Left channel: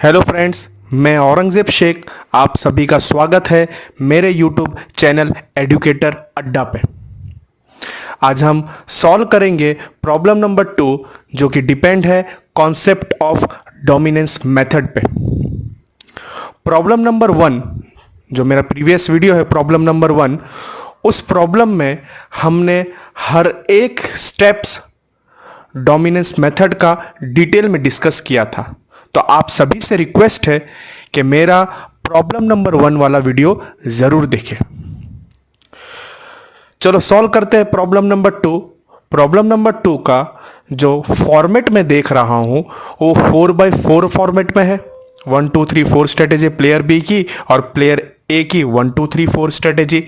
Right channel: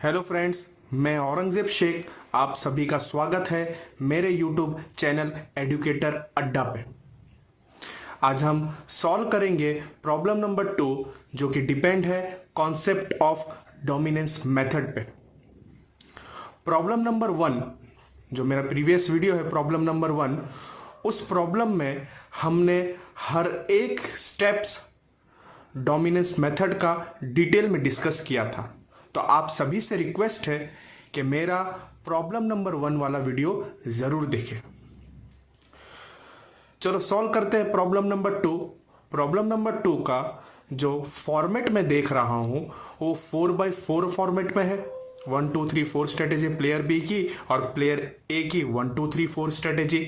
Hello friends, मैं औरंगज़ेब शेख। आप सभी का स्वागत है मेरे यूट्यूब चैनल एडुकेटर अड्डा पे। आज हम सॉल्व करेंगे प्रॉब्लम नंबर 2, जो कि डिपेंड है कॉन्सेप्ट ऑफ डोमिनेंस मेथड पे। प्रॉब्लम नंबर 1, जो मेरा प्रीवियस वीडियो है प्रॉब्लम नंबर 1, उस प्रॉब्लम में हमने हर एक स्टेप्स डोमिनेंस मेथड का डिटेल में डिस्कस किया था। तो आप सभी से रिक्वेस्ट है कि मेरा प्रॉब्लम नंबर 1 वाला वीडियो ज़रूर देखें। चलो सॉल्व करते हैं प्रॉब्लम नंबर 2। प्रॉब्लम नंबर 2 का जो फॉर्मेट में देख रहा हूं वो 4x4 फॉर्मेट में है। 1 2 3 4 स्ट्रेटेजी प्लेयर बी की और प्लेयर ए की 1 2 3 4 स्ट्रेटेजी।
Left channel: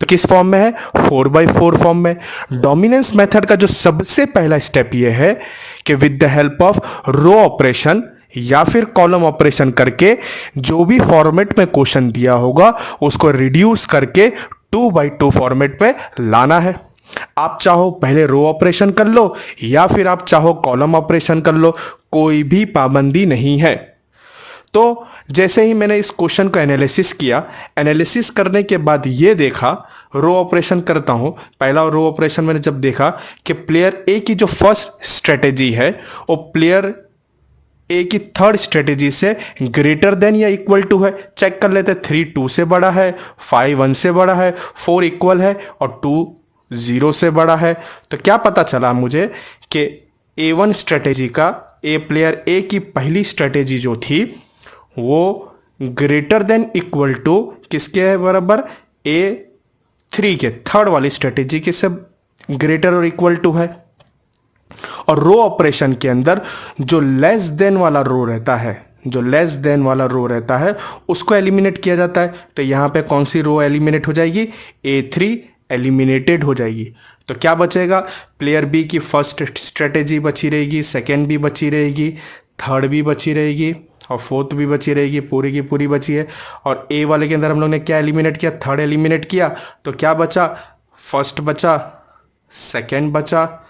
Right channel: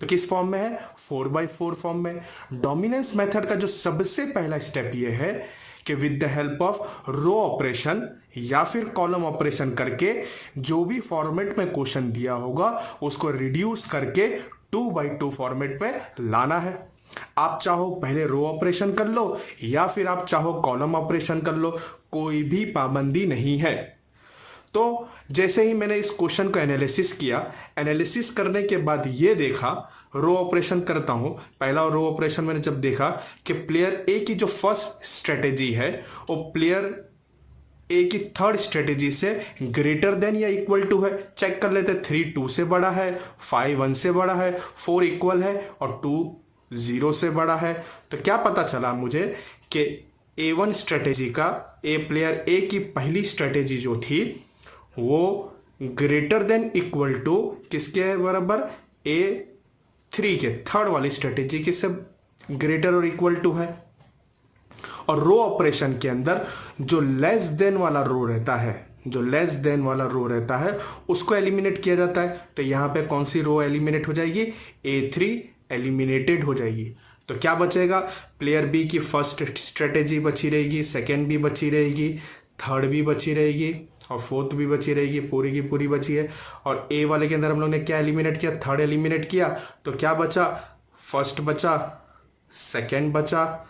तो किस फॉर्म में है? 4x4 फॉर्म में। डोमिनेंस मेथड का जो सबसे पहला स्टेप ये है कि with the help of row operation या फिर कॉलम ऑपरेशन करके जो भी फॉर्मेट में क्वेश्चन दिया होगा उसको रिड्यूस करके 2x2 फॉर्मेट पे लाना है। आप चाहो पहले रो ऑपरेशन कर लो या फिर आप चाहो कॉलम ऑपरेशन कर लो, कोई भी पाबंदी नहीं है। तो जैसे ही मैंने इस क्वेश्चन का एनालिसिस किया, एनालिसिस करने के बाद ये देखा, रो ऑपरेशन करता हूं। पहला रो ऑपरेशन मैंने जब देखा कि प्लेयर ए की जो फर्स्ट स्ट्रेटेजी है वो प्लेयर ए की थर्ड स्ट्रेटेजी से ग्रेटर देन या इक्वल टू है। चेक कर लेते, 3 2 से बड़ा है, 5 1 से बड़ा है, 4 इक्वल है और 2 0 से बड़ा है। तो क्या पता चला मुझे कि A1 स्ट्रेटेजी का प्लेयर ए की पहली स्ट्रेटेजी जो थी वो ग्रेटर देन इक्वल टू किसके बराबर? A3 के थर्ड वाली स्ट्रेटेजी के से ग्रेटर और इक्वल टू है। और रो ऑपरेशन के अंदर जो लेस देन वाला रो रहता है, जो लेस देन वाला रो रहता है उसको एलिमिनेट किया जाता है। तो यहां पे कौन सी रो एलिमिनेट हो जाएगी? A3 एलिमिनेटेड हो जाएगी। तो क्या बचेगा? प्लेयर बी की फर्स्ट स्ट्रेटेजी बची रहेगी, सेकेंड भी बची रहेगी, थर्ड भी बची रहेगी और फोर्थ भी बची रहेगी, पूरी की पूरी बची है। और ए वाले के अंदर हम लोग ने क्या एलिमिनेट किया? थर्ड एलिमिनेट किया। तो क्या बचा? फर्स्ट बचा, सेकेंड बचा,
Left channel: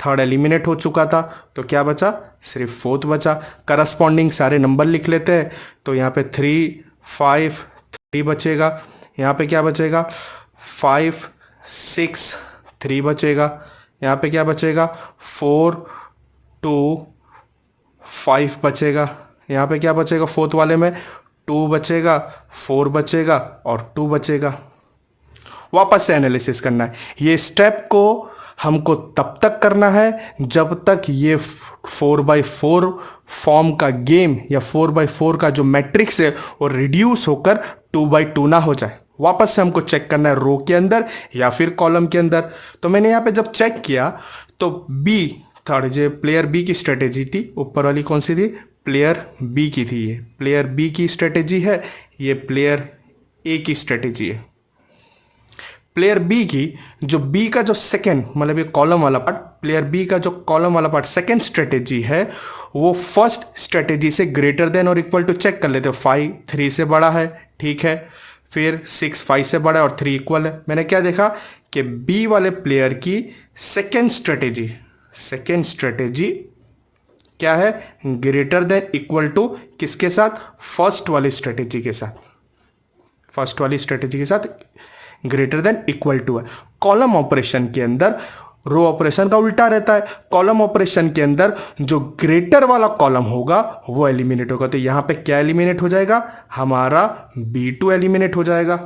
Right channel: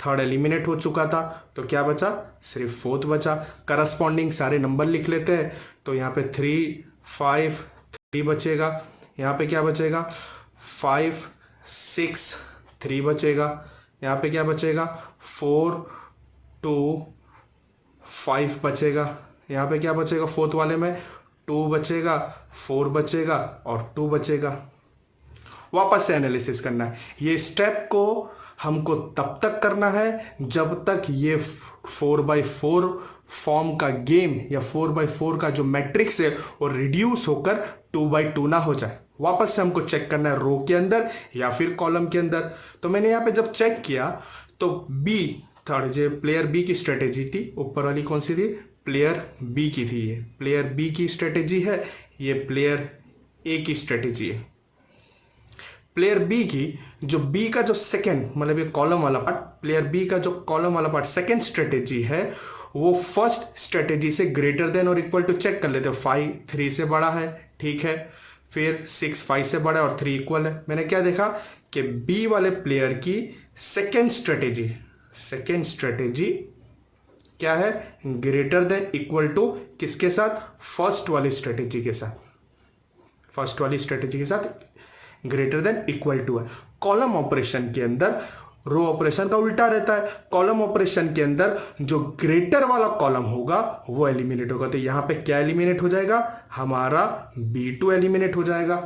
थर्ड एलिमिनेट हो चुका था, तो क्या बचा? सिर्फ फोर्थ बचा। करस्पॉन्डिंग सारे नंबर लिख लेते हैं। तो यहाँ पे 3 5 3 बचेगा। यहाँ पे क्या बचेगा? 5 6 3 बचेगा। यहाँ पे क्या बचेगा? 4 2 5 बचेगा। यहाँ पे क्या बचेगा? फोर्थ वाले में 2 बचेगा, 4 बचेगा और 2 बचेगा। वापस से एनालिसिस करना है। ये स्टेप को हमको तब तक करना है जब तक ये 4x4 फॉर्म का गेम या 4x4 का जो मैट्रिक्स है वो रिड्यूस होकर 2x2 ना हो जाए। वापस से हमको चेक करना है रो के अंदर या फिर कॉलम के अंदर। तो मैंने यहाँ पे जब चेक किया तो बी थर्ड जो प्लेयर बी की स्ट्रेटेजी थी, ऊपर वाली कौन सी थी? प्लेयर बी की थी। ये प्लेयर बी की स्ट्रेटेजी है, ये प्लेयर ए की स्ट्रेटेजी है। प्लेयर बी की जो बी का जो सेकेंड मतलब ये कॉलम वाला पार्ट, प्लेयर बी का जो कॉलम वाला पार्ट सेकेंड स्ट्रेटेजी है वो फर्स्ट स्ट्रेटेजी से ग्रेटर देन और इक्वल टू चेक कर लेते हो। 5 3 से बड़ा है, ठीक है। फिर 6 5 से बड़ा है और 3 इक्वल है। मैंने क्या देखा कि बी वाले प्लेयर की सेकेंड स्ट्रेटेजी क्या है? ग्रेटर देन इक्वल टू किसके साथ? फर्स्ट वाली स्ट्रेटेजी के साथ। फर्स्ट वाली स्ट्रेटेजी के साथ ग्रेटर देन इक्वल टू है। कॉलम ऑपरेशन के अंदर रो ऑपरेशन का उल्टा रहता है। कॉलम ऑपरेशन के अंदर जो ग्रेटर वाला कॉलम होगा वो एलिमिनेट होगा। तो यहां पे क्या एलिमिनेट हो जाएगा? हमारा B2 एलिमिनेट हो जाएगा।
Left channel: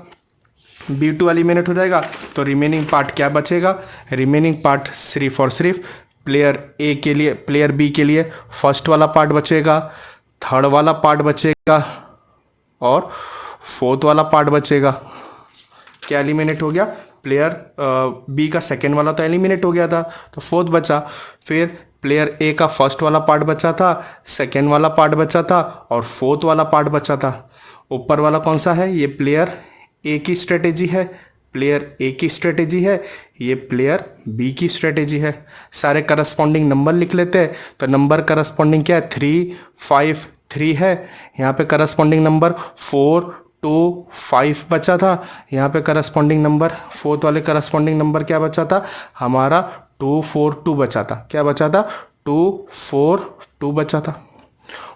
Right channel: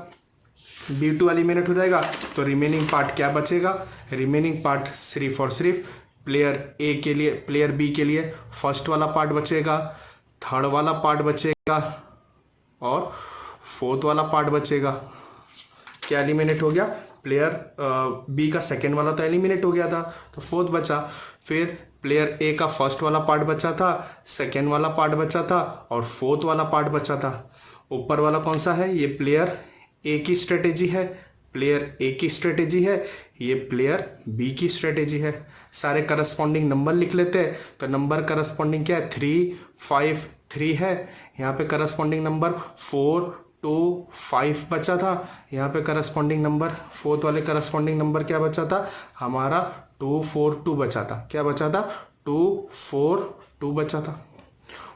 B2 एलिमिनेट हो जाएगा तो रिमेनिंग पार्ट क्या बचेगा? रिमेनिंग पार्ट सिर्फ और सिर्फ प्लेयर ए के लिए, प्लेयर बी के लिए फर्स्ट वाला पार्ट बचेगा, थर्ड वाला पार्ट बचेगा और फोर्थ वाला पार्ट बचेगा। क्या एलिमिनेट हो गया? प्लेयर बी का सेकेंड वाला तो एलिमिनेट हो गया था, तो फोर्थ बचा। फिर प्लेयर ए का फर्स्ट वाला पार्ट बचा था, सेकेंड वाला पार्ट बचा था और फोर्थ वाला पार्ट बचा था। ऊपर वाला कौन सा है? ये प्लेयर ए की स्ट्रेटेजी है, प्लेयर ए की स्ट्रेटेजी है, ये प्लेयर बी की स्ट्रेटेजी है। सारे करस्पॉन्डिंग नंबर लिख लेते हैं। तो नंबर करस्पॉन्डिंग क्या है? 3 5 3 है। यहाँ पे करस्पॉन्डिंग नंबर 4 2 5 बचा था। यहाँ पे करस्पॉन्डिंग नंबर फोर्थ वाले करस्पॉन्डिंग नंबर क्या बचा था? हमारा 2 4 2 बचा था। क्या बचा था? 2 4 2 बचा था।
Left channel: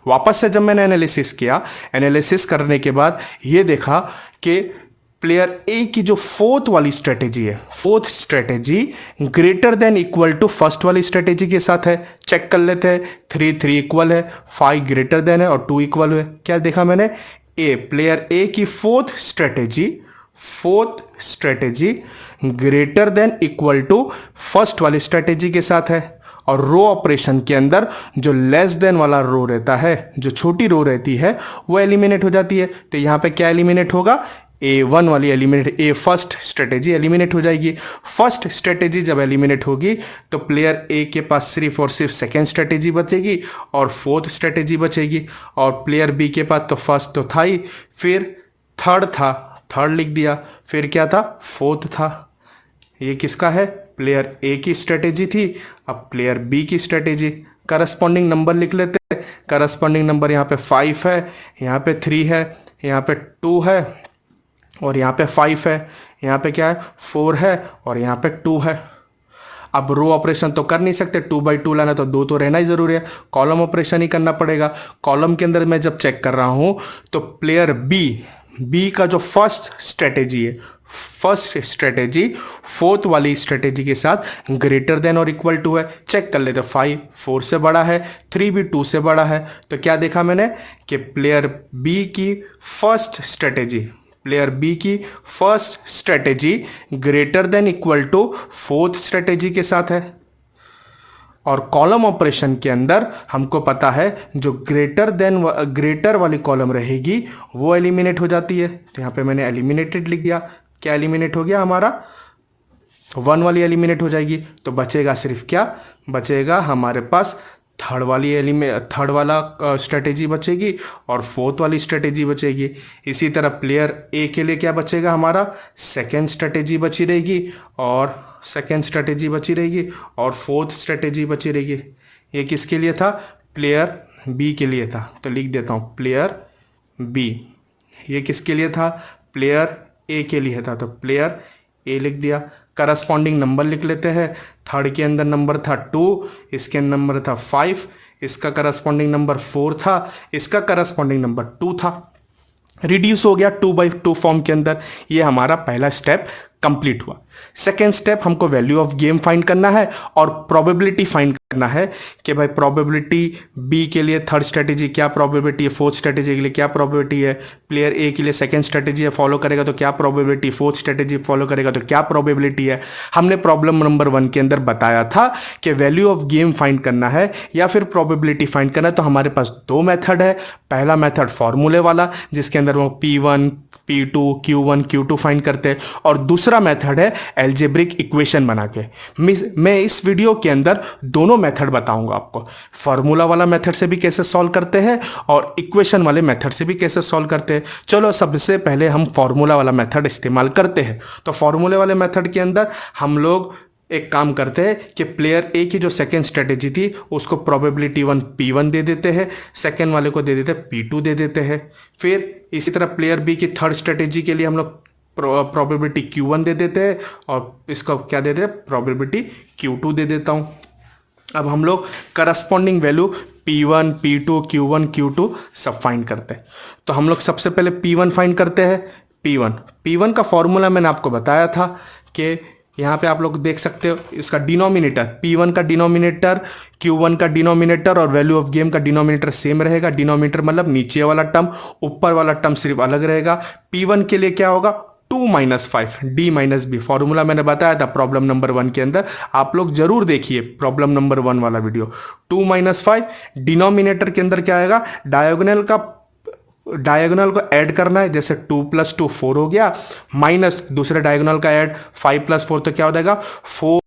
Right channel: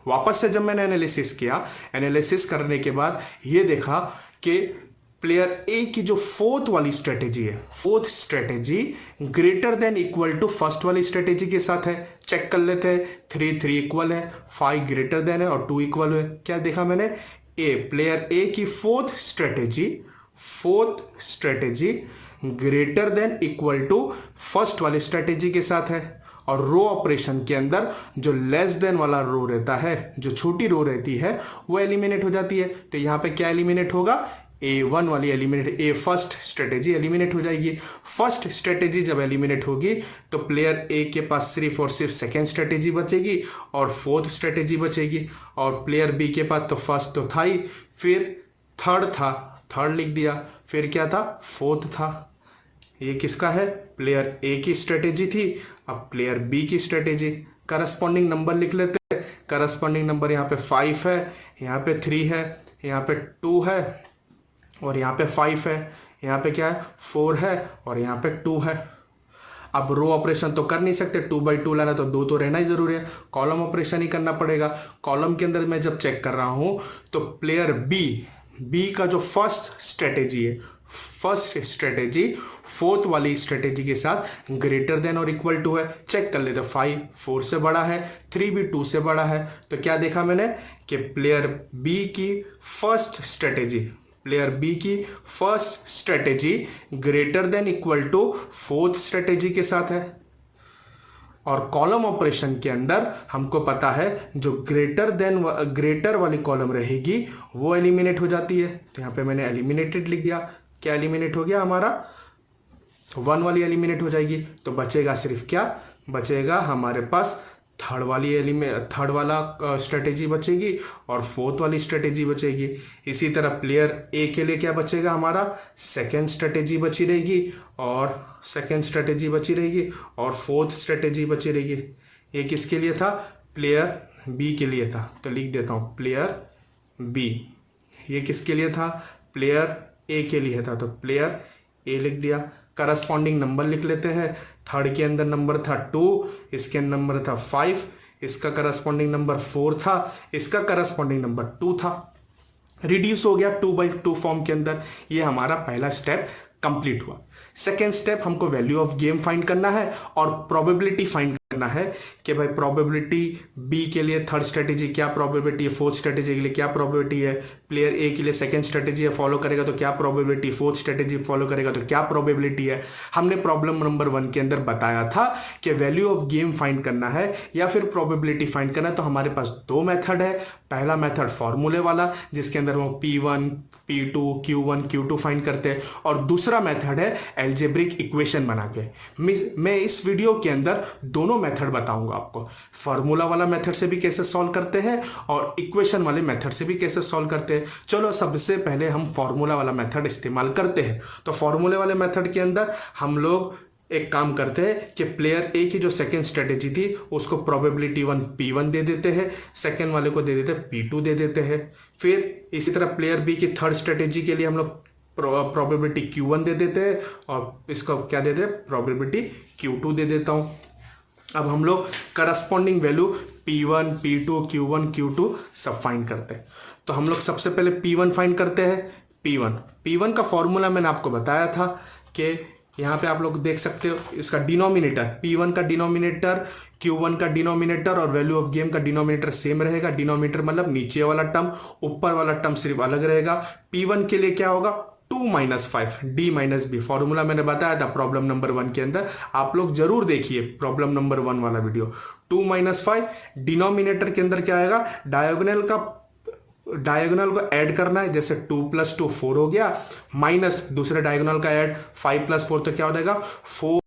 वापस से जब मैंने एनालिसिस किया, एनालिसिस करने के बाद ये देखा कि प्लेयर ए की जो फोर्थ वाली स्ट्रेटेजी है, fourth strategy greater than equal to first वाली स्ट्रेटेजी के साथ है। चेक कर लेते हैं, 3 इक्वल है, 5 ग्रेटर देन है और 2 इक्वल है। क्या देखा मैंने, प्लेयर ए की fourth strategy greater than equal to first वाली स्ट्रेटेजी के साथ है। और रो ऑपरेशन के अंदर जो लेस देन वाला रो रहता है, जो छोटी रो रहती है, वो एलिमिनेट हो जाती है। तो यहां पे क्या एलिमिनेट होगा, A1 वाली एलिमिनेट, फर्स्ट स्ट्रेटेजी एलिमिनेट हो जाएगी। फर्स्ट स्ट्रेटेजी जब एलिमिनेट होगी तो प्लेयर ए के पास सिर्फ और सिर्फ सेकेंड स्ट्रेटेजी बचेगी और फोर्थ स्ट्रेटेजी बचेगी। और प्लेयर बी के पास तो फर्स्ट तो था ही, फिर थर्ड था, थर्ड लिख दिया, फिर क्या था, फोर्थ था। ये किसका है, प्लेयर ए की स्ट्रेटेजी थी। अब प्लेयर बी की स्ट्रेटेजी, करस्पॉन्डिंग नंबर लिख लेते हैं। करस्पॉन्डिंग नंबर यहाँ पे 5 है, यहाँ पे 3 है, यहाँ पे 2 है और यहाँ पे 5 है, यहाँ पे क्या है, 4 है और यहाँ पे 2 है। अब रो ऑपरेशन तो कर नहीं सकते, 2/2 लाना तो 2 तो रहना ही जरूरी है, कॉलम ऑपरेशन ही करना पड़ेगा। कॉलम के अंदर मैं जब चेक कर रहा हूँ तो प्लेयर बी का जो फर्स्ट स्ट्रेटेजी है, फर्स्ट स्ट्रेटेजी फोर्थ वाली स्ट्रेटेजी के साथ ग्रेटर देन और इक्वल टू है। चेक कर लेते, 5 4 से बड़ा है, 3 भी 2 से बड़ा है। तो क्या देखा मैंने कि प्लेयर बी की first strategy greater than equal to fourth strategy के साथ है। और कॉलम ऑपरेशन के अंदर हमको पता है जो ग्रेटर वाली कॉलम रहेगी वो एलिमिनेट हो जाती है। तो यहाँ पे मैंने एलिमिनेटेड लिख दिया। क्या एलिमिनेट हो गया हमारा, 1 वाली एलिमिनेट हो जाएगी। तो बचेगा सिर्फ क्या, बचेगा हमारे पास थर्ड वाला स्ट्रेटेजी बचेगी और फोर्थ वाली स्ट्रेटेजी बचेगी। इसी तरह प्लेयर ए के लिए क्या बचेगा, हमारा सेकेंड स्ट्रेटेजी बची रहेगी और फोर्थ स्ट्रेटेजी बची रहेगी। ये किसके लिए था, प्लेयर बी के लिए था। तो लिख देता हूँ प्लेयर बी। ये किसके लिए था, प्लेयर ए के लिए था। तो प्लेयर ए लिख दिया। करस्पॉन्डिंग नंबर लिख लेते हैं। थर्ड के अंदर नंबर था 2, इसके नंबर था 5, इसका करस्पॉन्डिंग नंबर 4 था, इसका करस्पॉन्डिंग नंबर 2 था। रिड्यूस हो गया 2/2 फॉर्म के अंदर। ये हमारा पहला स्टेप कंप्लीट हुआ। सेकेंड स्टेप, हमको वैल्यू ऑफ गेम फाइंड करना है और प्रोबेबिलिटी फाइंड करना है कि भाई प्रोबेबिलिटी बी के लिए थर्ड स्ट्रेटेजी क्या प्रोबेबिलिटी है, फोर्थ स्ट्रेटेजी के लिए क्या प्रोबेबिलिटी है, प्लेयर ए के लिए सेकंड स्ट्रेटेजी फॉलो करेगा तो क्या प्रोबेबिलिटी, फोर्थ स्ट्रेटेजी फॉलो करेगा तो क्या प्रोबेबिलिटी है। हमने प्रॉब्लम नंबर 1 के अंदर बताया था कि वैल्यू ऑफ गेम फाइंड करना है या फिर प्रोबेबिलिटी फाइंड करना है। तो हमारे पास 2 मेथड है। पहला मेथड फॉर्मूले वाला जिसके अंदर वो P1 P2 Q1 Q2 find करते हैं, और दूसरा मेथड है एल्जेब्रिक इक्वेशन बना के। मैं इस वीडियो के अंदर दोनों मेथड बताऊंगा आपको, फार्मूला वाला मेथड से भी कैसे सॉल्व करते हैं और इक्वेशन वाले मेथड से भी कैसे सॉल्व करते हैं। चलो सबसे पहले हम फार्मूला वाला मेथड इस्तेमाल करते हैं। तो फार्मूले वाले मेथड के अंदर हम लोग एक काम करते हैं कि प्लेयर ए की जो सेकेंड स्ट्रेटेजी थी उसको प्रोबेबिलिटी 1 P1 दे देते हैं, सेकेंड वाले को दे देते हैं P2 दे देते हैं। फिर इसी तरह प्लेयर बी की थर्ड स्ट्रेटेजी के लिए हम लोग प्रोबेबिलिटी Q1 दे देते हैं और इसको क्या दे देते हैं, प्रोबेबिलिटी Q2 दे देता हूँ। अब हम लोग corresponding value P1 P2 Q1 Q2 सब फाइंड करते हैं। तो हम लोग सबसे पहले P1 फाइंड करते हैं। P1 का फॉर्मूला मैंने आपको बताया था कि यहाँ पे आप लोग देख सकते हो, इसका डिनोमिनेटर P1 का डिनोमिनेटर, Q1 का डिनोमिनेटर और वैल्यू ऑफ गेम का डिनोमिनेटर सेम रहेगा। डिनोमिनेटर मतलब नीचे वाला टर्म, ऊपर वाला टर्म सिर्फ अलग रहेगा। P1 के लिए क्या होगा, 2 - 5 D - B। फॉर्मूला मैंने बताया था प्रॉब्लम नंबर 1 के अंदर, आप लोग जरूर देखिए प्रॉब्लम नंबर 1 वाला वीडियो। 2 - 5 डिनोमिनेटर के अंदर क्या आएगा, डायगोनल को ऐड करना है। जैसे 2 + 2 4 हो गया, माइनस दूसरे डायगोनल का ऐड 5 + 4 तो क्या हो जाएगा 4,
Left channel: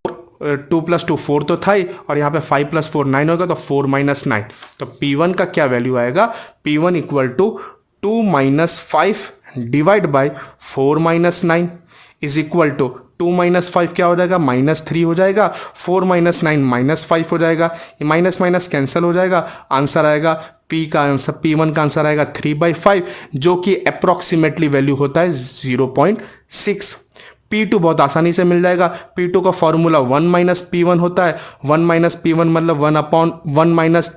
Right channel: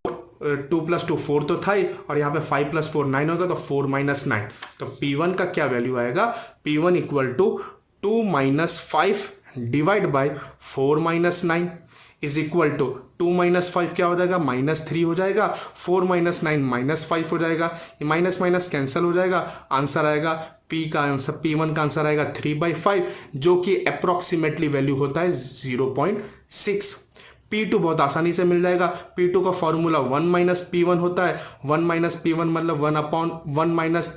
2 + 2 4 तो था ही, और यहाँ पे 5 + 4 9 होगा तो 4 - 9। तो P1 का क्या वैल्यू आएगा, P1 = 2 - 5 divide by 4 - 9 is equal to 2 - 5 क्या हो जाएगा, -3 हो जाएगा, 4 - 9 -5 हो जाएगा। ये माइनस माइनस कैंसिल हो जाएगा, आंसर आएगा P1 का आंसर आएगा 3/5, जो कि अप्रोक्सीमेटली वैल्यू होता है 0.6। P2 बहुत आसानी से मिल जाएगा। P2 का फॉर्मूला 1 - P1 होता है। 1 - P1 मतलब 1/1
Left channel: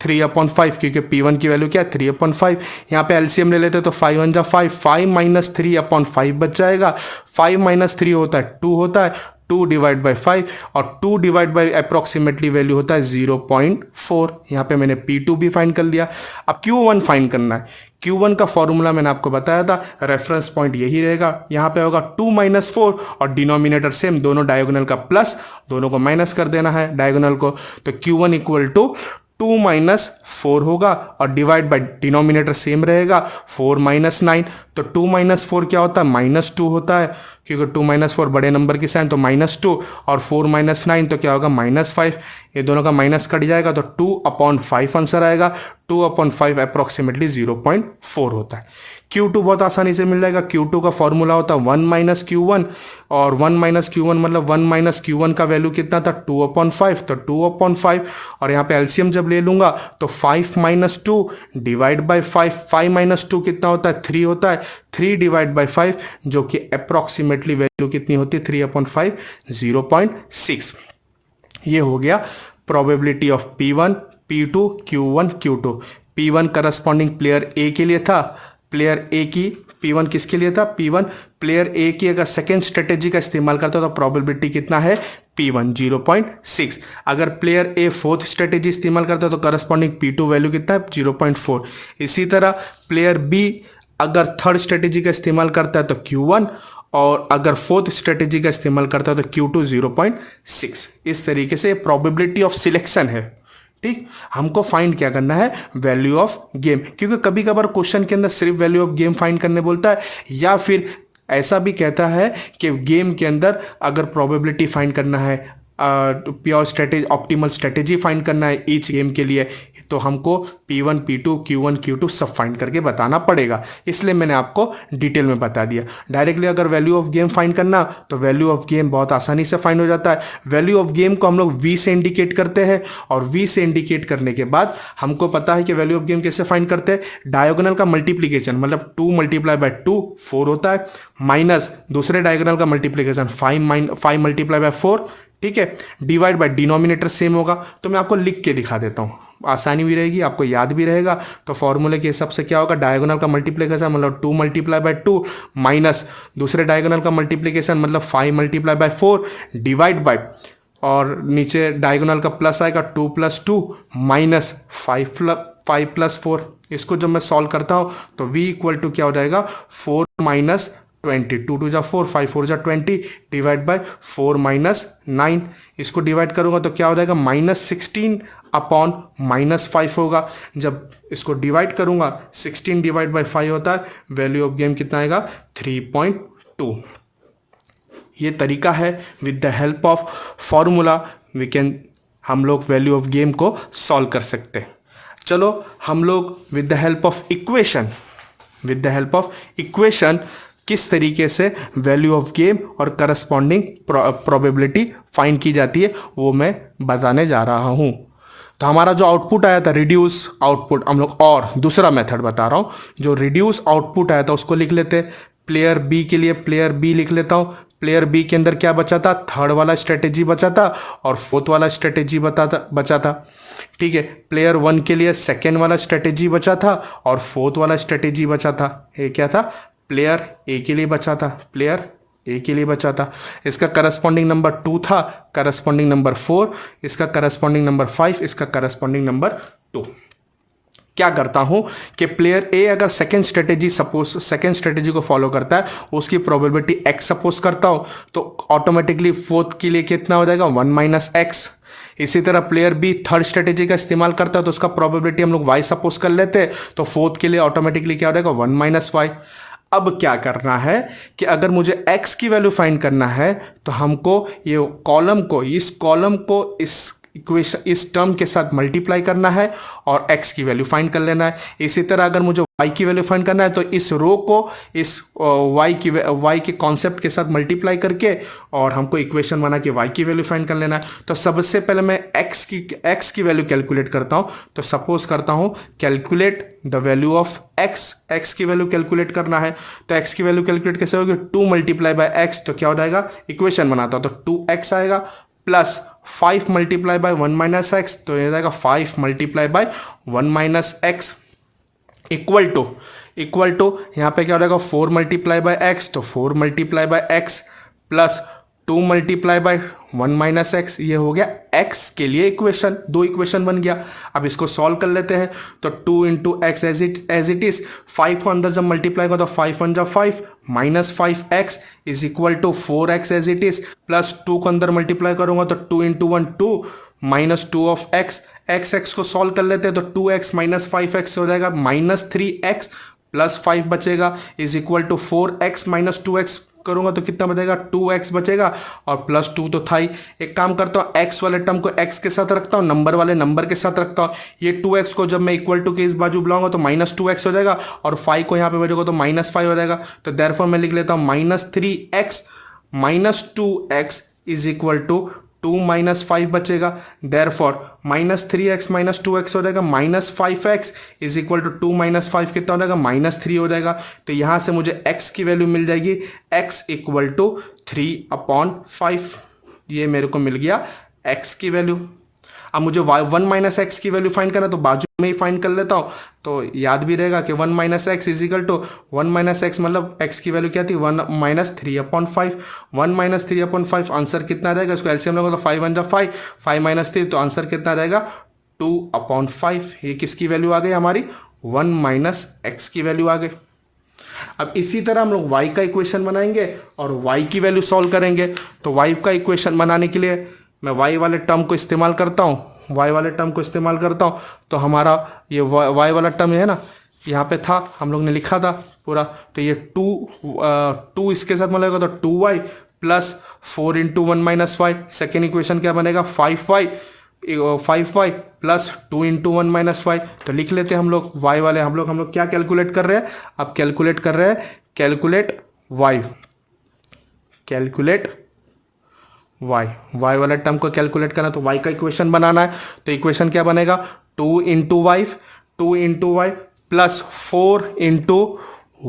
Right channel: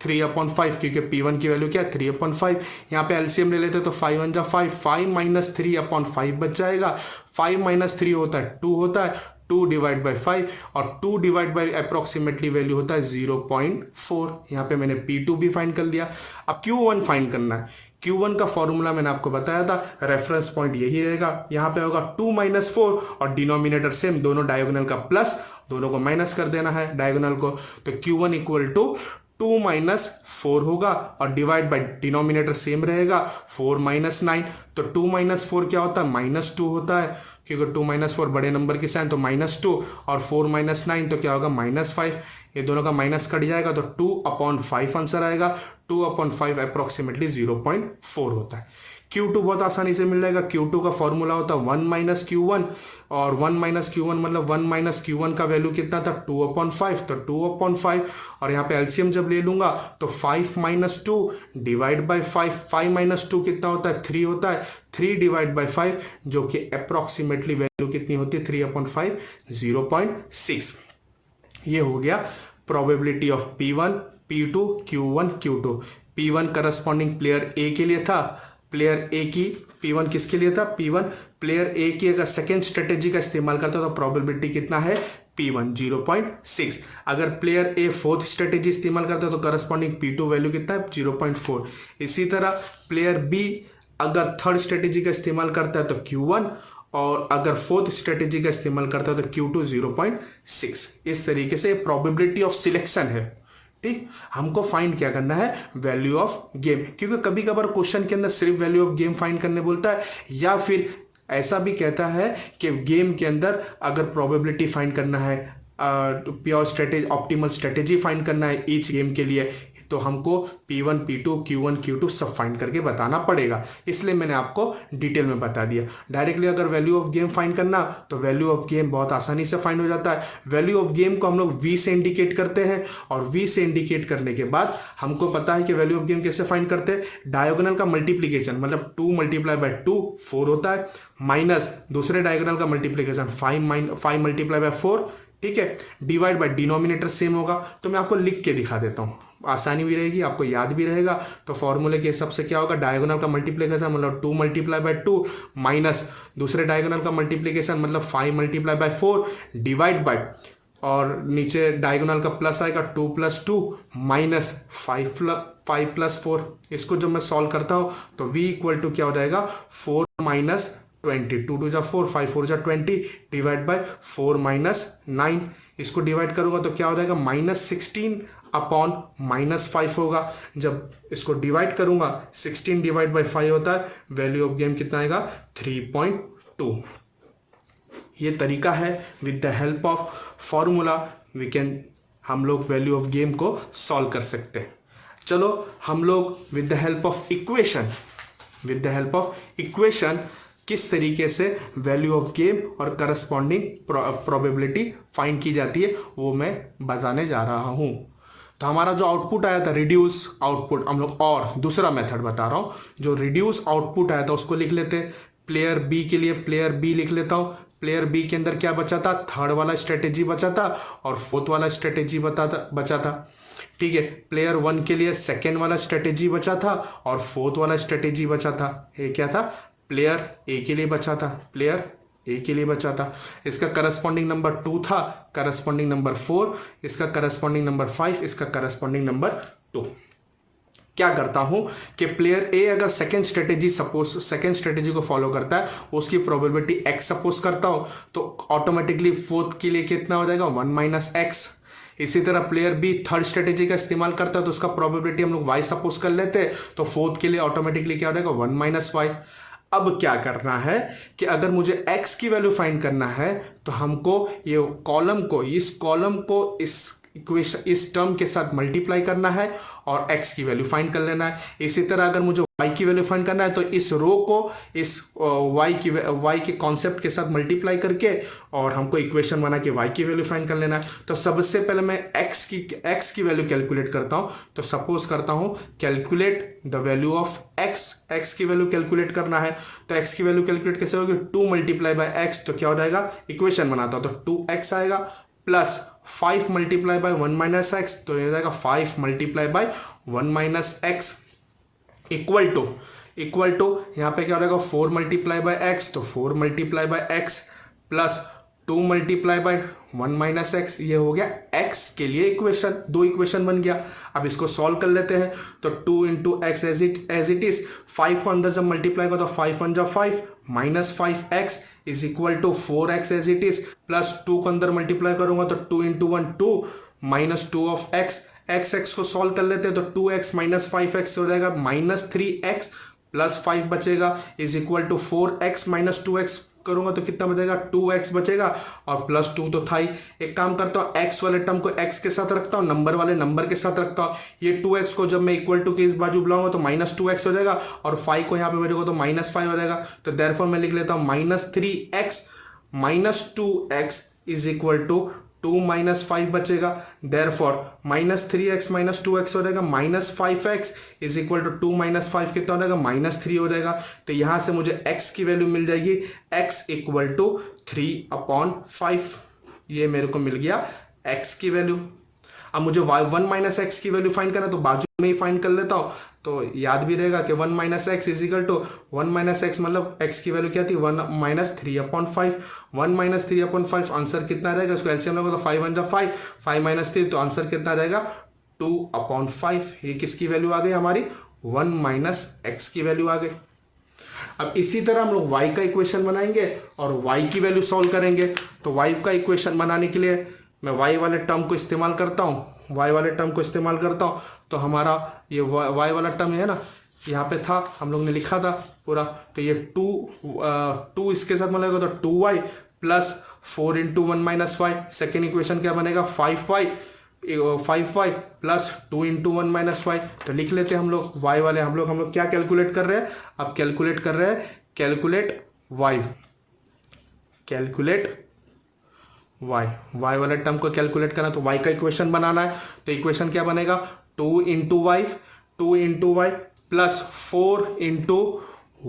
3/5, क्योंकि P1 की वैल्यू क्या है 3/5। यहाँ पे एलसीएम ले लेते तो 5 1 जा 5, 5 माइनस 3/5 बच जाएगा। 5 माइनस 3 होता है 2 होता है, 2 डिवाइड बाई 5, और 2 डिवाइड बाई अप्रोक्सीमेटली वैल्यू होता है 0.4। यहाँ पे मैंने P2 भी फाइंड कर लिया। अब Q1 फाइंड करना है। Q1 का फॉर्मूला मैंने आपको बताया था, रेफरेंस पॉइंट यही रहेगा। यहाँ पे होगा 2 माइनस 4, और डिनोमिनेटर सेम, दोनों डायगोनल का प्लस, दोनों को माइनस कर देना है डायगोनल को। तो Q1 इक्वल टू 2 माइनस 4 होगा, और डिवाइड बाई डिनोमिनेटर सेम रहेगा 4 माइनस 9। तो 2 माइनस 4 क्या होता है -2 होता है, क्योंकि 2 माइनस 4 बड़े नंबर की साइन, तो -2, और 4 माइनस 9 तो क्या होगा -5। ये दोनों का माइनस कट जाएगा तो 2/5 आंसर आएगा। 2/5 अप्रोक्सीमेटली 0.4 होता है। Q2 बहुत आसानी से मिल जाएगा। Q2 का फॉर्मूला होता है 1 माइनस Q1, और 1 माइनस Q1 मतलब 1 माइनस Q1 का वैल्यू कितना था 2/5, तो 2/5, और यहाँ पे एलसीएम जब ले लूंगा तो 5 माइनस 2 डिवाइड बाई 5, 5 माइनस 2 कितना होता है 3 होता है, 3 डिवाइड बाई 5, जो कि अप्रोक्सीमेटली वैल्यू कितनी होती है 3/5, 0.6। ये हो गया probability of P1, P2, Q1, Q2। P1 corresponding player ए के लिए था, प्लेयर ए की P1 किसके लिए था, P1 प्लेयर ए की अगर सेकेंड स्ट्रेटेजी का इस्तेमाल करता तो प्रोबेबिलिटी कितना है P1 0.6। अगर प्लेयर ए फोर्थ स्ट्रेटेजी इस्तेमाल करता तो करस्पॉन्डिंग P2 वैल्यू कितना है 0.4। इसी तरह प्लेयर बी अगर थर्ड स्ट्रेटेजी का इस्तेमाल करता है तो Q1, और अगर फोर्थ स्ट्रेटेजी का इस्तेमाल करता है तो Q2 0.6। इस तरीके से प्रोबेबिलिटी ऑफ सिलेक्शन है। ठीक, हमको फाइंड क्या करना है, वैल्यू ऑफ गेम, क्योंकि कभी कभार क्वेश्चन के अंदर सिर्फ वैल्यू ऑफ गेम फाइंड करने बोलता है, या फिर ऐसा भी कहता है कि गेम के अंदर अगर प्रोबेबिलिटी फाइंड करना है, pure strategy, optimal strategy find करना है ईच गेम के लिए, तो हमको P1, P2, Q1, Q2 सब फाइंड करके बताना पड़ेगा। इसलिए मैंने आपको डिटेल में बता दिया। डायरेक्टली अगर वैल्यू ऑफ गेम फाइंड करना तो वैल्यू ऑफ गेम बहुत आसानी से फाइंड हो जाता है। वैल्यू ऑफ गेम को हम लोग V से इंडिकेट करते हैं, और V से इंडिकेट करने के बाद हमको पता है कि वैल्यू ऑफ गेम कैसे फाइंड करते हैं। डायगोनल का मल्टीप्लीकेशन, मतलब 2 मल्टीप्लाई बाय 2 4 होता है, माइनस दूसरे डायगोनल का मल्टीप्लीकेशन 5 मल्टीप्लाई बाय 4, ठीक है, डिवाइड बाय डिनोमिनेटर सेम होगा। तो मैं आपको लिख के दिखा देता हूँ, आसानी भी रहेगी, आपको याद भी रहेगा। तो फॉर्मूले के हिसाब से क्या होगा, डायगोनल का मल्टीप्लिकेशन मतलब 2 मल्टीप्लाई बाय 2, माइनस दूसरे डायगोनल का मल्टीप्लिकेशन मतलब 5 मल्टीप्लाई बाय 4, डिवाइड बाय, और नीचे डायगोनल का प्लस आएगा 2 + 2 माइनस 5 + 4। इसको जब मैं सॉल्व करता हूँ तो v इक्वल टू क्या हो जाएगा 4 माइनस 20, 2 2 जा 4, 5 4 जा 20, डिवाइड बाय 4 माइनस 9। इसको डिवाइड करूंगा तो क्या हो जाएगा -16 अपॉन -5 होगा। जब इसको डिवाइड करूंगा 16 डिवाइड बाय 5 होता है, वैल्यू ऑफ गेम कितना आएगा 3.2। ये तरीका है, with the help of formula हम लोग वैल्यू ऑफ गेम को सॉल्व कर सकते हैं। चलो हम लोग with the help of equation किस तरीके से वैल्यू ऑफ गेम और करस्पॉन्डिंग प्रोबेबिलिटी फाइंड की जाती है वो मैं बताने जा रहा हूँ। तो हमारा जो आउटपुट आया था रिड्यूस आउटपुट, हम लोग और दूसरा मेथड बता रहा हूँ। जो रिड्यूस आउटपुट आया था उसको लिख लेते, प्लेयर बी के लिए प्लेयर बी लिख लेता हूँ। प्लेयर बी के अंदर क्या बचा था, थर्ड वाला स्ट्रेटेजी बचा था और फोर्थ वाला स्ट्रेटेजी बचा था। ठीक है, प्लेयर वन के लिए सेकेंड वाला स्ट्रेटेजी बचा था और फोर्थ वाला स्ट्रेटेजी बचा था। ये क्या था, प्लेयर ए के लिए बचा था, प्लेयर ए के लिए बचा था। इसका करस्पॉन्डिंग नंबर 2 था, करस्पॉन्डिंग नंबर 4, इसका करस्पॉन्डिंग नंबर 5, इसका करस्पॉन्डिंग नंबर 2। क्या करता हूं कि प्लेयर ए अगर सेकेंड स्ट्रेटेजी को फॉलो करता है, उसकी प्रोबेबिलिटी x सपोज करता हूं, तो ऑटोमेटिकली फोर्थ के लिए कितना हो जाएगा 1 - x। इसी तरह प्लेयर बी थर्ड स्ट्रेटेजी का इस्तेमाल करता है तो उसका प्रोबेबिलिटी हम लोग y सपोज कर लेते हैं, तो फोर्थ के लिए ऑटोमेटिकली क्या हो जाएगा 1 - y। अब क्या करना है कि अगर मुझे x की वैल्यू फाइंड करना है तो हमको ये कॉलम को, इस कॉलम को इस इक्वेशन, इस टर्म के साथ मल्टीप्लाई करना है और x की वैल्यू फाइंड कर लेना है। इसी तरह अगर मुझे y की वैल्यू फाइंड करना है तो इस रो को इस y के कॉन्सेप्ट के साथ मल्टीप्लाई करके और हमको इक्वेशन बना के y की वैल्यू फाइंड कर लेना है। तो सबसे पहले मैं x की वैल्यू कैलकुलेट करता हूं। तो सपोज करता हूं calculate the value of x की वैल्यू कैलकुलेट करना है। तो x की वैल्यू कैलकुलेट कैसे होगी, 2 × x, तो क्या हो जाएगा, इक्वेशन बनाता हूं तो 2x आएगा plus 5 multiply by 1 minus x, तो ये रहेगा 5 multiply by 1 minus x equal to यहाँ पे क्या हो जाएगा 4 मल्टीप्लाई बाय एक्स, तो 4 multiply by x plus 2 multiply by 1 minus x. ये हो गया एक्स के लिए इक्वेशन, दो इक्वेशन बन गया। अब इसको सॉल्व कर लेते हैं, तो 2 into x as it is, 5 को अंदर जब मल्टीप्लाई करो तो 5 1 जा 5 minus 5x is equal to 4x as it is, plus 2 को अंदर मल्टीप्लाई करूंगा तो 2 इंटू 1 2 माइनस 2 ऑफ x को सॉल्व कर लेते हैं, तो 2x माइनस 5x हो जाएगा माइनस 3x प्लस 5 बचेगा is equal to 4x minus 2x करूंगा तो कितना बचेगा 2x बचेगा, और प्लस 2 तो था ही। एक काम करता हूँ, x वाले टर्म को x के साथ रखता हूँ, नंबर वाले नंबर के साथ रखता हूँ। ये 2x को जब मैं इक्वल टू के इस बाजू बुलाऊंगा तो माइनस 2x हो जाएगा, और 5 को यहाँ पे भेजूंगा तो माइनस 5 हो जाएगा। तो देयरफॉर मैं लिख लेता हूँ minus 3x minus 2x is equal to 2 minus 5 बचेगा। Therefore minus 3x minus 2x हो जाएगा minus 5x is equal to 2 minus 5 कितना हो जाएगा माइनस 3 हो जाएगा। तो यहां से मुझे x की वैल्यू मिल जाएगी x इक्वल टू 3/5। ये मेरे को मिल गया x की वैल्यू। अब मुझे 1 माइनस एक्स की वैल्यू फाइंड करना, तो बाजू में ही फाइंड कर लेता हूँ, तो याद भी रहेगा कि 1 minus x is equal to 1 minus x मतलब x की वैल्यू क्या थी 1 माइनस 3/5। 1 माइनस 3/5 आंसर कितना रहेगा, इसको एलसीएम लोगे तो 5 1 जा 5, 5 माइनस 3, तो आंसर कितना रहेगा 2/5। ये किसकी वैल्यू आ गई हमारी 1 माइनस एक्स की वैल्यू आ गई। अब इसी तरह हम लोग y का इक्वेशन बनाएंगे और y की वैल्यू सॉल्व करेंगे। तो y का इक्वेशन बनाने के लिए मैं y वाले टर्म को इस्तेमाल करता हूँ, तो हमारा ये y वाला टर्म है ना, यहाँ पे था, हम लोग ने लिखा था पूरा, तो ये 2 इसके साथ मिलेगा तो 2y plus 4 into 1 minus 5। Second equation क्या बनेगा 5y प्लस 2 इंटू 1 माइनस 5। तो लिख लेते हैं हम लोग y वाले, हम लोग क्या कैलकुलेट कर रहे हैं, अब कैलकुलेट कर रहे हैं y वाला टर्म को कैलकुलेट करना, तो y का इक्वेशन बनाना है। तो इक्वेशन क्या बनेगा 2 into y plus 4 into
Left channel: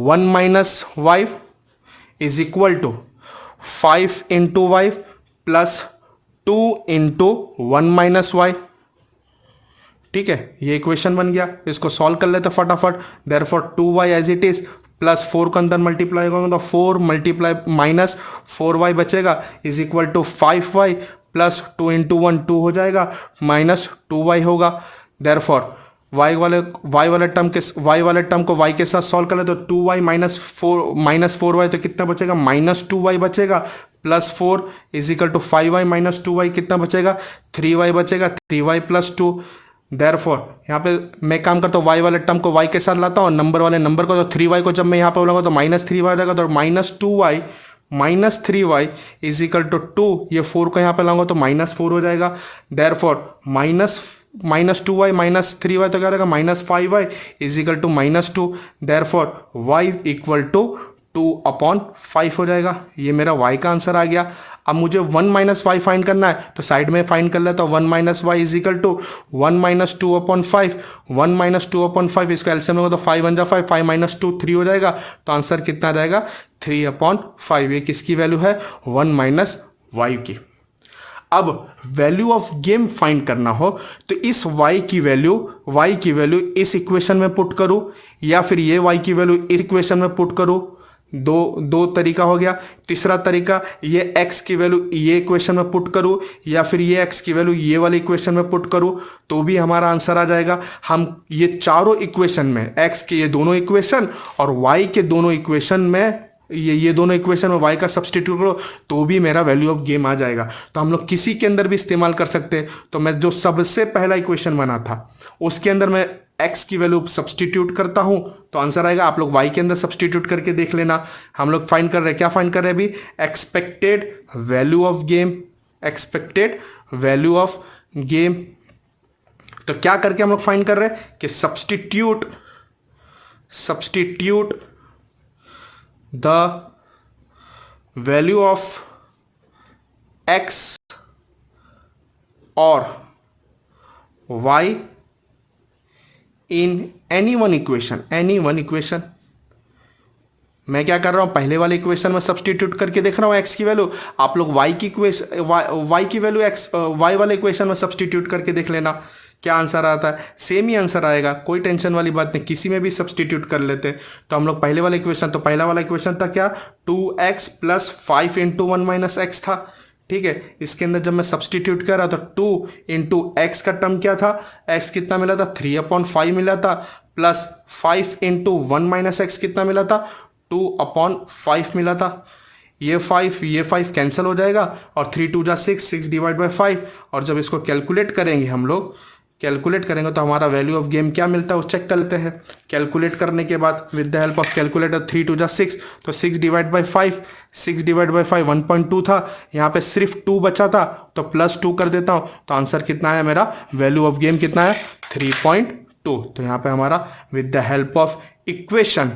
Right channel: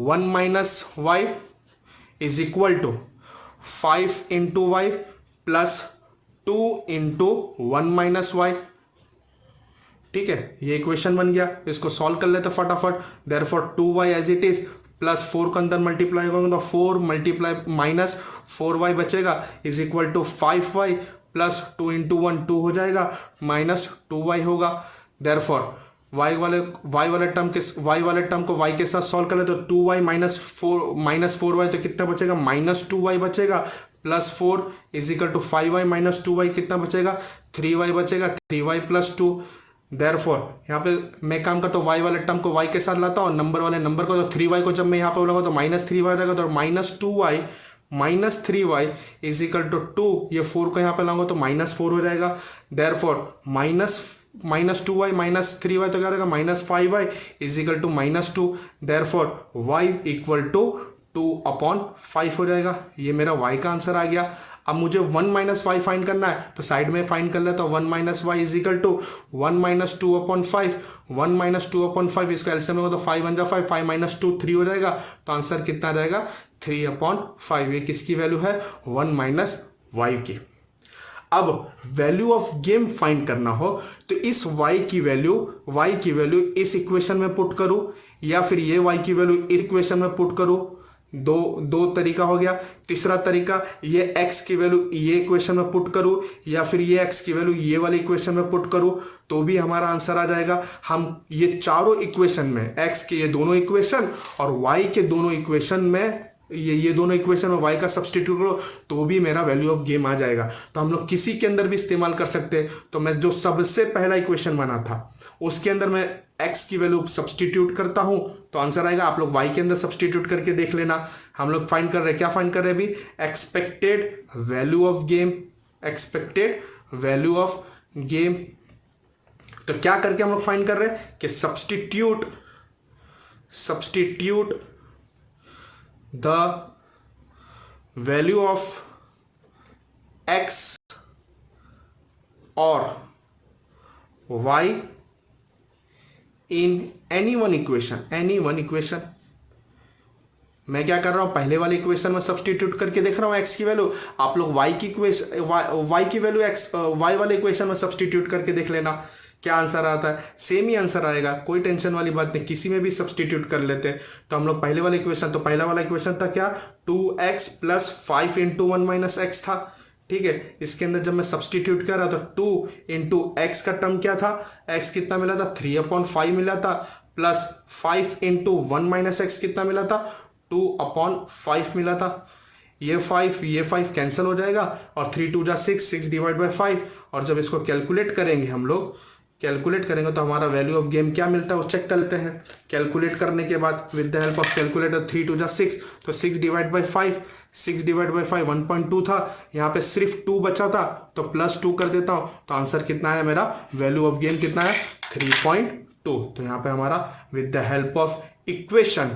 1 minus y is equal to 5 into y plus 2 into 1 minus y. ठीक है, ये इक्वेशन बन गया। इसको सॉल्व कर लेते फटाफट। Therefore 2y as it is plus 4 को अंदर मल्टीप्लाई करूंगा तो 4 मल्टीप्लाई माइनस 4y बचेगा is equal to 5y plus 2 into 1 2 हो जाएगा माइनस 2y होगा। देयरफॉर y वाले टर्म को y के साथ सॉल्व कर ले तो 2y माइनस 4y तो कितना बचेगा माइनस 2y बचेगा, plus 4 is equal to 5y minus 2y कितना बचेगा 3y बचेगा, 3y प्लस 2। देयरफॉर यहाँ पे मैं काम करता हूँ y वाले टर्म को y के साथ लाता हूँ, नंबर वाले नंबर को, तो 3y को जब मैं यहाँ पे बोलूँगा तो माइनस 3y हो जाएगा, तो minus 2y minus 3y is equal to 2। ये 4 को यहाँ पे लाऊंगा तो माइनस 4 हो जाएगा। Therefore minus 2y minus 3y तो क्या रहेगा minus 5y is equal to minus 2। Therefore y equal to 2/5 हो जाएगा। ये मेरा y का आंसर आ गया। अब मुझे 1 माइनस वाई फाइंड करना है, तो साइड में फाइंड कर लेता हूँ 1 minus y is equal to 1 minus 2/5। 1 minus 2/5 इसका एलसीएम होगा तो 5 1 जा 5, 5 माइनस 2 3 हो जाएगा, तो आंसर कितना रहेगा 3/5। ये किसकी वैल्यू है 1 माइनस वाई की। अब वैल्यू ऑफ गेम फाइंड करना हो तो इस y की वैल्यू इस इक्वेशन में पुट करूं या फिर ये y की वैल्यू इस इक्वेशन में पुट करूं। दो तरीका हो गया। तीसरा तरीका ये x की वैल्यू ये इक्वेशन में पुट करूं या फिर ये x की वैल्यू ये वाले इक्वेशन में पुट करूं, तो भी हमारा आंसर आ जाएगा। हम ये चारों इक्वेशन में x के ये दोनों इक्वेशन और y के दोनों इक्वेशन में ये दोनों इक्वेशन में y का सब्सटीट्यूट करो तो भी मेरा वैल्यू ऑफ गेम आ जाएगा। तो हम लोग किसी के अंदर भी इस्तेमाल कर सकते हैं। तो मैं जो सबसे पहला इक्वेशन बना था उसके अंदर मैं x की वैल्यू सब्सटीट्यूट करता हूं तो आंसर आएगा। आप लोग y के अंदर सब्सटीट्यूट करके देख लेना। हम लोग फाइंड कर रहे हैं, क्या फाइंड कर रहे हैं अभी, एक्सपेक्टेड वैल्यू ऑफ गेम। तो क्या करके हम लोग फाइंड कर रहे हैं कि substitute the value of x or y in any one equation मैं क्या कर रहा हूँ, पहले वाले इक्वेशन में सब्सटीट्यूट करके देख रहा हूँ x की वैल्यू। आप लोग y की इक्वेशन y की वैल्यू y वाले इक्वेशन में सब्सटीट्यूट करके देख लेना क्या आंसर आता है। सेम ही आंसर आएगा, कोई टेंशन वाली बात नहीं, किसी में भी सब्सटीट्यूट कर लेते। तो हम लोग पहले वाला इक्वेशन, तो पहला वाला इक्वेशन था क्या, 2x plus 5 into 1 minus x था। ठीक है, इसके अंदर जब मैं सब्सटीट्यूट कर रहा था 2 इंटू एक्स का टर्म क्या था, x कितना मिला था, 3/5 मिला था, प्लस 5 इंटू 1 माइनस एक्स कितना मिला था, 2/5 मिला था। ये 5 कैंसिल हो जाएगा और 3 2 जा 6 डिवाइड बाई 5। और जब इसको कैलकुलेट करेंगे, हम लोग कैलकुलेट करेंगे तो हमारा वैल्यू ऑफ गेम क्या मिलता है वो चेक कर लेते हैं। कैलकुलेट करने के बाद with the help of calculator 3 2 जा 6, तो 6 डिवाइड बाई 5, 6 डिवाइड बाई 5 1.2 था, यहाँ पे सिर्फ 2 बचा था तो प्लस 2 कर देता हूँ। तो आंसर कितना है मेरा, वैल्यू ऑफ गेम कितना है, 3.2। तो यहाँ पे हमारा with the help of equation,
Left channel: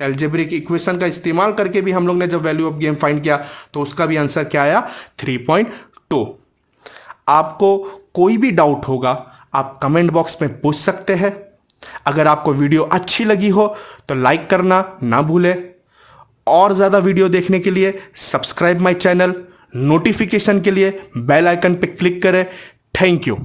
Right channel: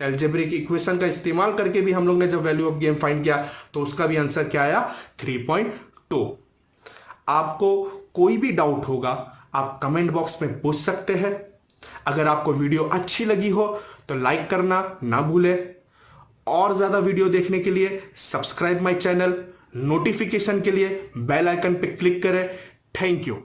algebraic equation का इस्तेमाल करके भी हम लोग ने जब वैल्यू ऑफ गेम फाइंड किया तो उसका भी आंसर क्या आया, 3.2। आपको कोई भी डाउट होगा आप कमेंट बॉक्स में पूछ सकते हैं। अगर आपको वीडियो अच्छी लगी हो तो लाइक करना ना भूलें, और ज़्यादा वीडियो देखने के लिए सब्सक्राइब माय चैनल, नोटिफिकेशन के लिए बेल आइकन पे क्लिक करें। Thank you.